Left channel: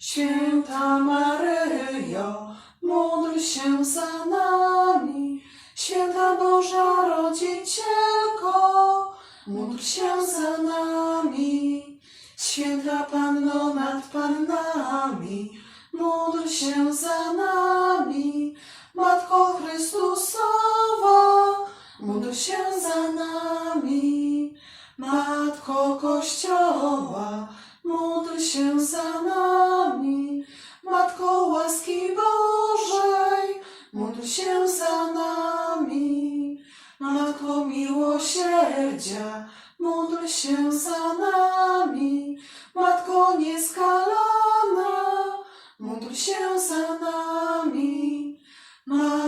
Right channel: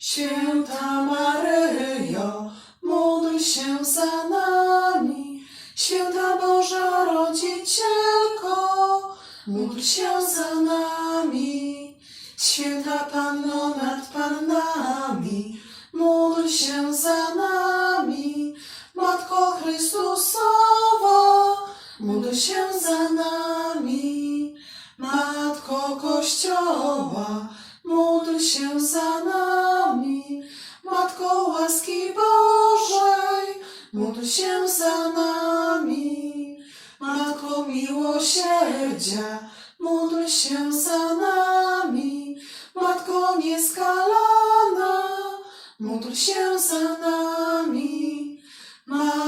Święta Maryjo, módl się za nami. Święta Boża Rodzicielko, módl się za nami. Święta Panno nad Pannami, módl się za nami. Matko Chrystusowa, módl się za nami. Matko Kościoła, módl się za nami. Módl się za nami. Matko miłosierdzia, módl się za nami. Matko nieskalana, módl się za nami. Matko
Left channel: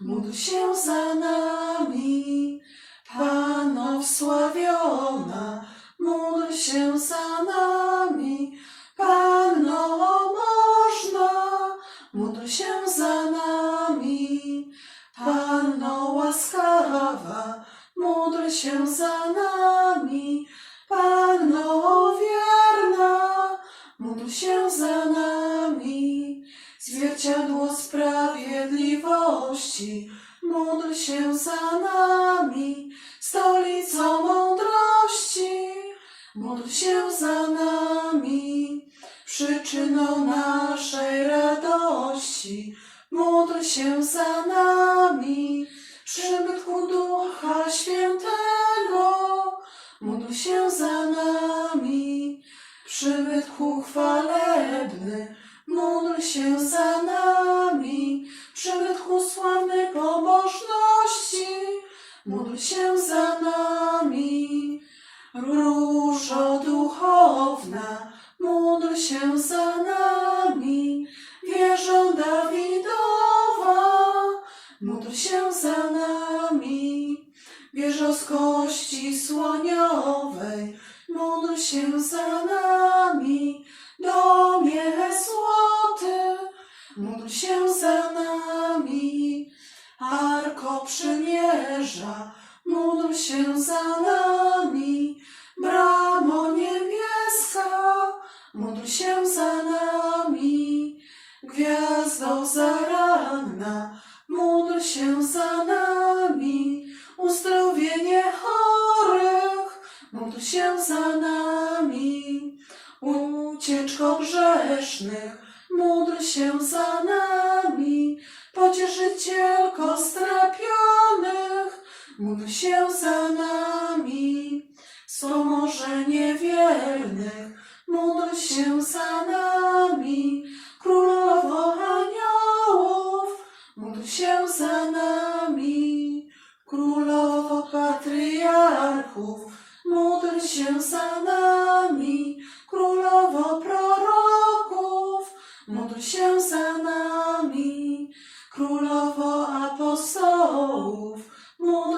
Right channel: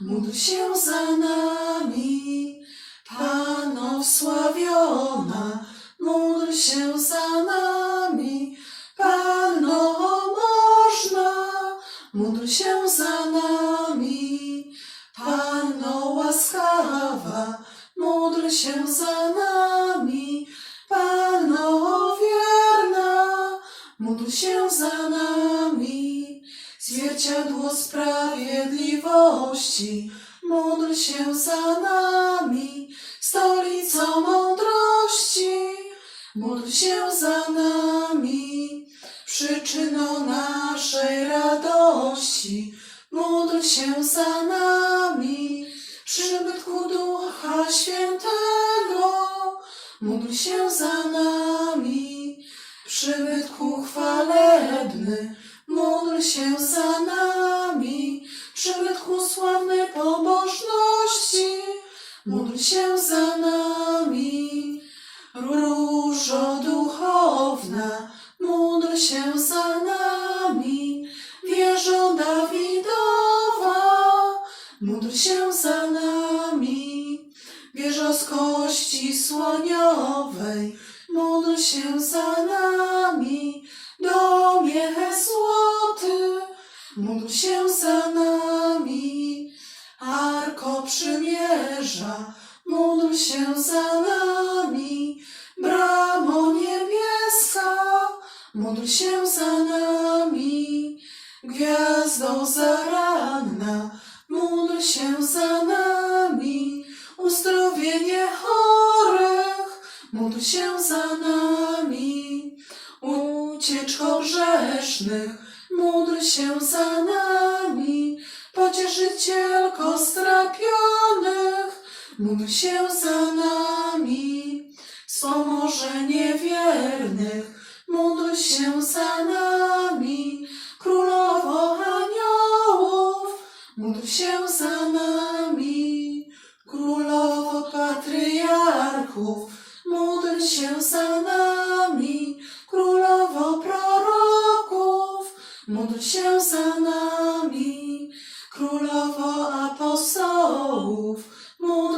Módl się za nami. Sprawiedliwości, módl się za nami. Stolicą mądrości, módl się za nami. Przyczyną naszej radości, módl się za nami. Przybytku Ducha Świętego, módl się za nami. Przybytku chwalebny, módl się za nami. Módl się za nami. Różo duchowna, módl się za nami. Wieżo Dawidowa, módl się za nami. Wieżo z kości słoniowej, módl się za nami. Domie złoty, módl się za nami. Przymierza, módl się za nami. Bramo niebieska, módl się za nami. Gwiazdo zaranna, módl się za nami. Uzdrowienie chorych, módl się za nami. Ucieczko grzesznych, módl się za nami. Módl się za nami. Wspomożenie wiernych, módl się za nami. Królowo aniołów, módl się za nami. Królowo patriarchów, módl się za nami. Królowo proroków, módl się za nami. Królowo apostołów,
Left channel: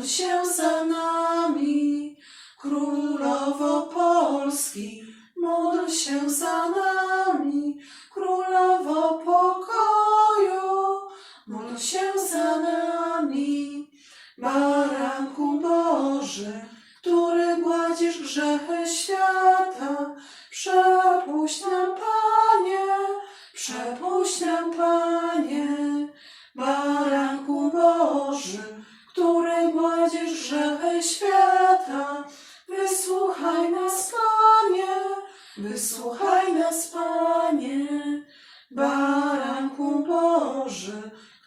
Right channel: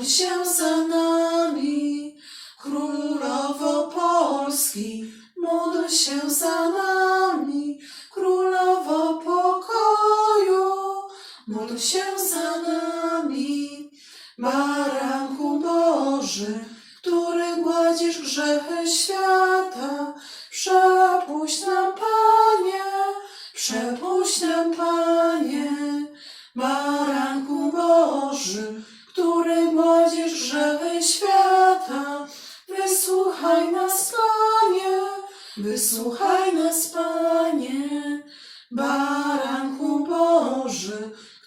Módl się za nami. Królowo Polski, módl się za nami. Królowo pokoju, módl się za nami. Baranku Boży, który gładzisz grzechy świata, przepuść nam, Panie, przepuść nam, Panie. Baranku Boży, Boży, który gładzisz grzechy